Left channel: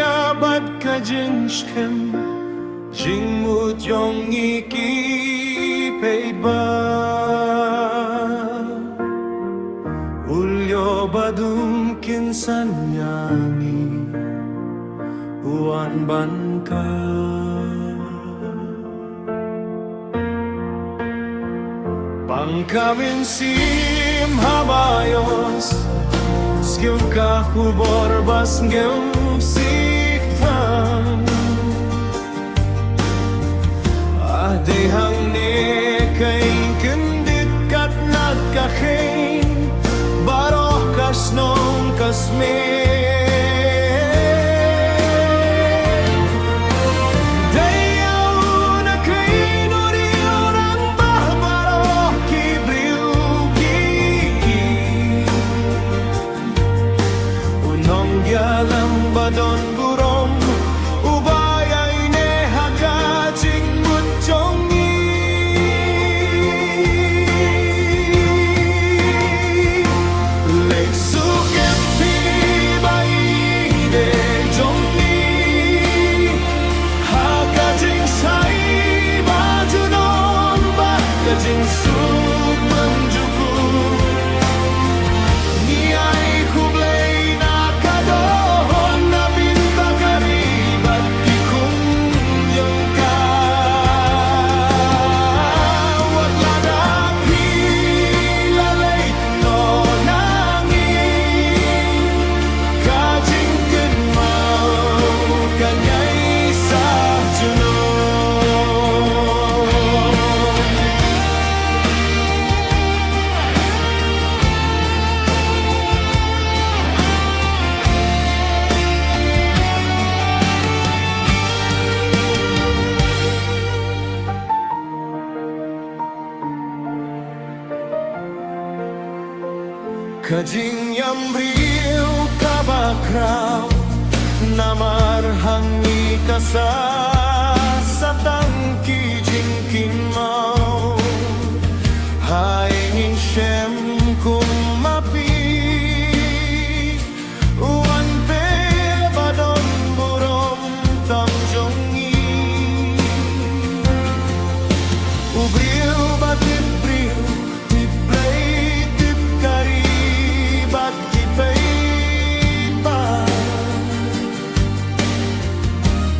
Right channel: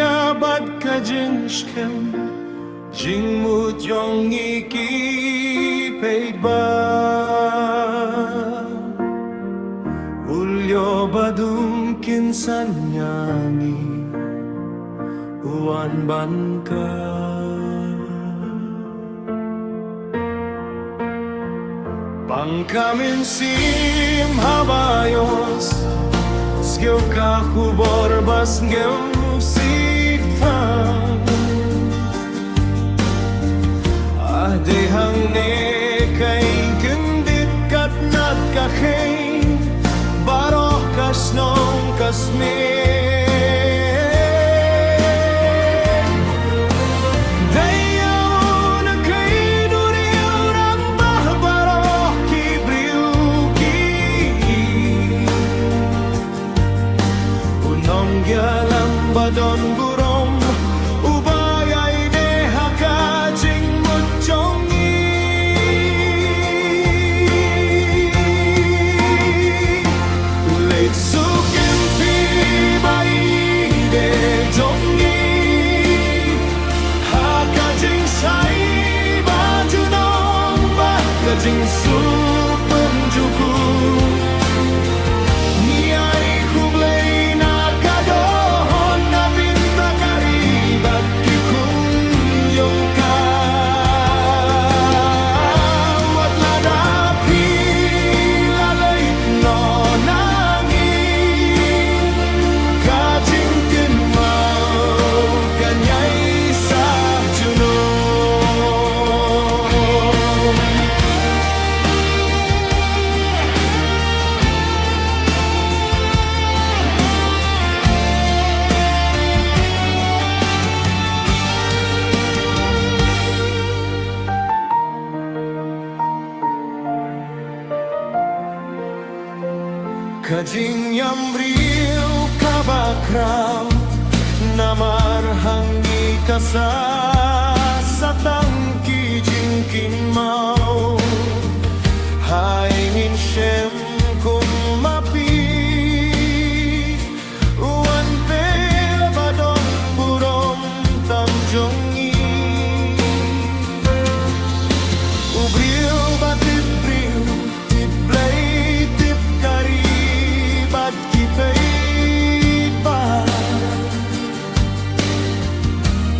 abad ka jingskem Jingmut yong iki paid ba Ulyo badum kinsanyangi Uwan ban ka Pangkamin sim habayos Sngewnguh hubor bas Sngewnguh siktang Dehang ne kay kendit kat nat kakeng Baroh kasnong kasme Dayaw na kay nuriw ng bahbaroh kibriw ki Unong gyalam badon burom Ubayay ne hakajing Jongi Late sukem pi bai de jongi Hakajing sai baju nomba Kajing suk benjuku Niai kublai nakadohon na Bynta karibat kikun yongka Kajing yambriw kabakraw Namar hangi kasa Satang kijing kinmaw Haingin siyem kumapi Uwan pe badon burom tamjongi Ubriw batip briw tip blay tip kari Bat kipay ba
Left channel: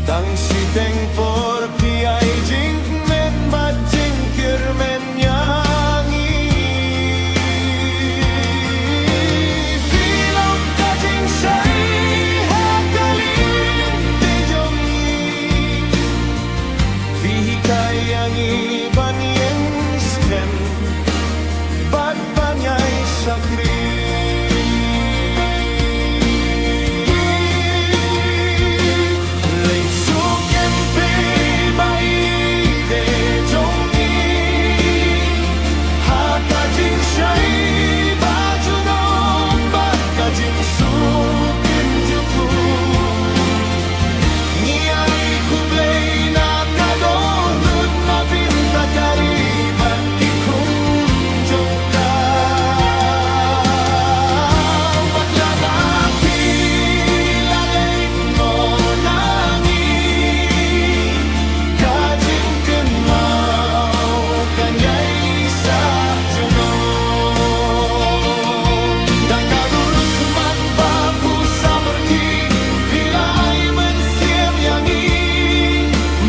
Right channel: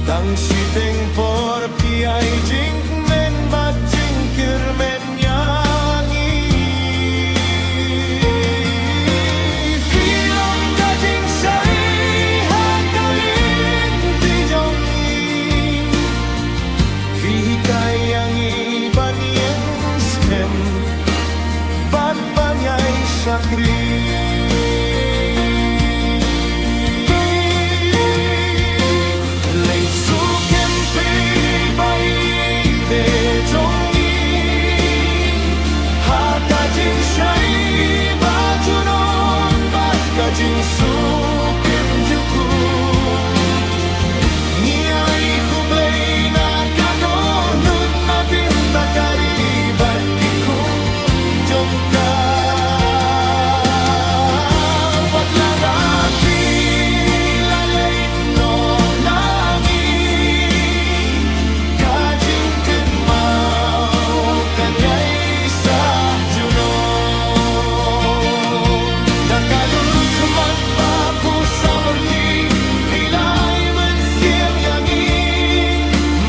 Tang siteng por piay jing men bat jingkir men yangi Filong ka jing say hakaling tijongi Fihi kayangi banyeng skem Bat banyay syakri Kajing sukim juku Niai kublay na kadonut na Bynta karibat kikunjong ka Wat ladapi lalait no nangi Kajing kenmau kanyay sa juno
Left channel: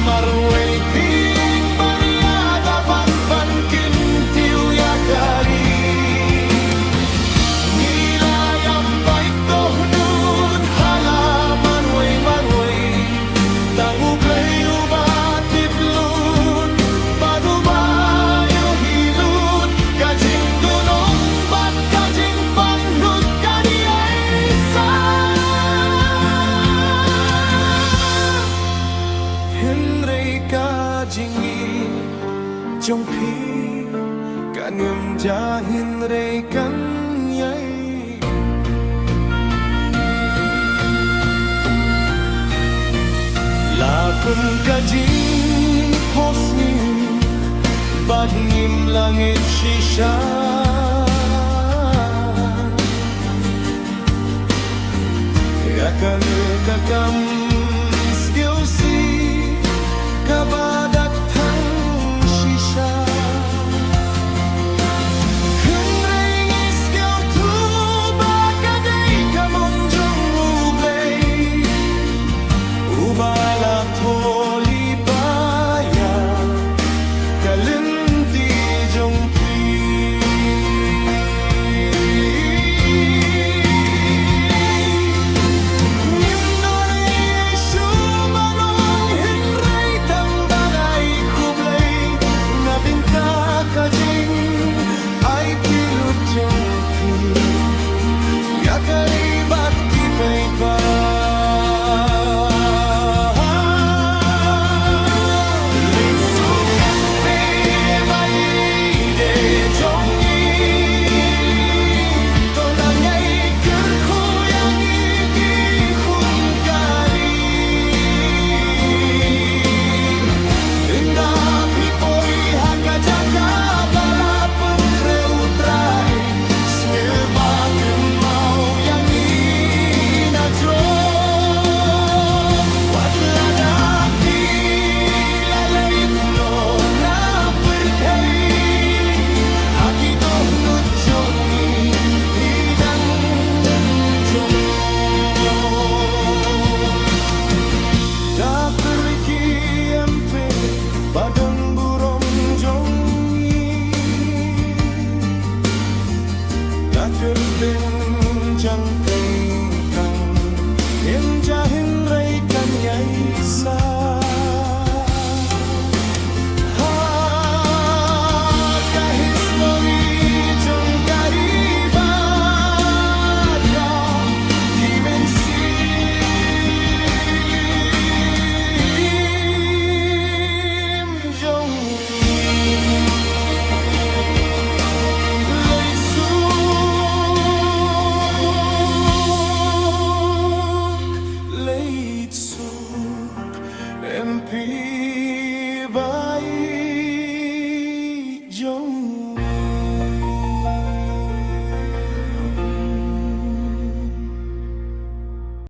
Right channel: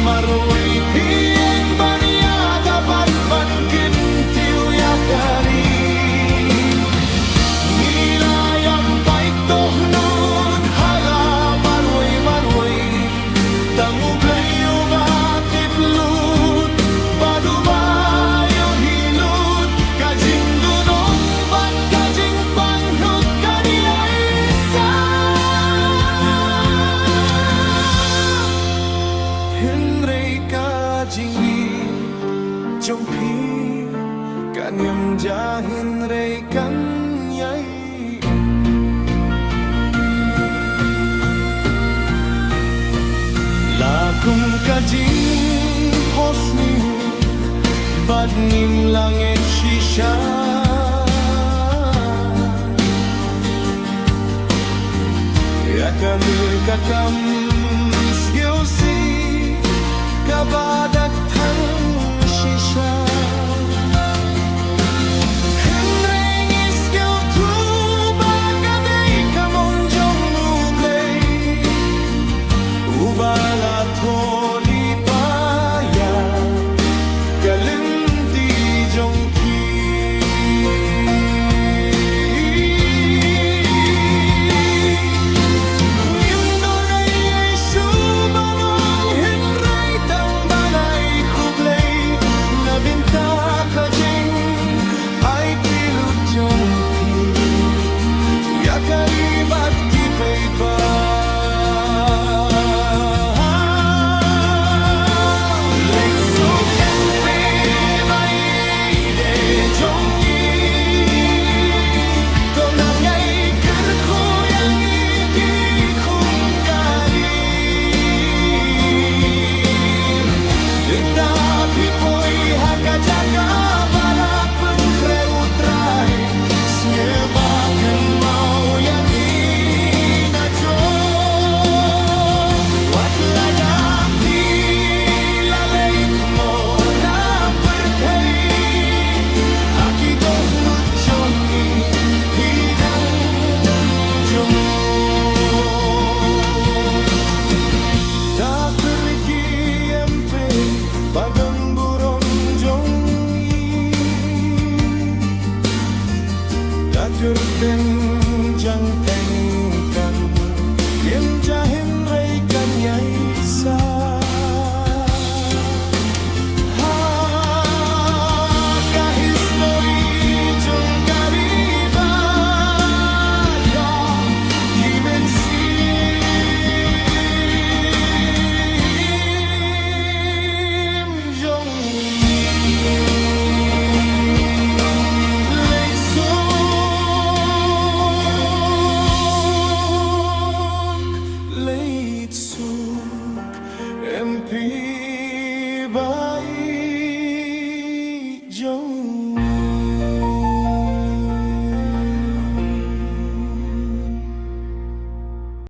Marway pieng bania dapat bankin tiu yakari Ngilayam paik dohnut hala marway Tangublay ubatip lut Badu bayu hilut Kajing dunong bat kajing pangnut kaniay sa Hinrei ka jinggi jong pi Kanyam ja hinrei kanyay Lakum ka jing posni Bad ngim langit shisha Yakale kakam sgeusi kabadak tang shisha Henreng isgeu tu bakadei kamonjong ublei Ubala toli paya kalinti jongki Bynta ka jing ay pilut jong ti Yakaribat ki pay ba Late suk empe bayi de jong yi Tonang ay kerkuyang iki kun kari Inda pipoy Hakajaka balapan kreutrai Sngebaken mau yang inajong Watladapi lalait no na pertei Hakidoh nujongi hidang jongo Dakeriki empe badon burong jongi Dakerteng jang teng kang Yem jahin ray kanyay sa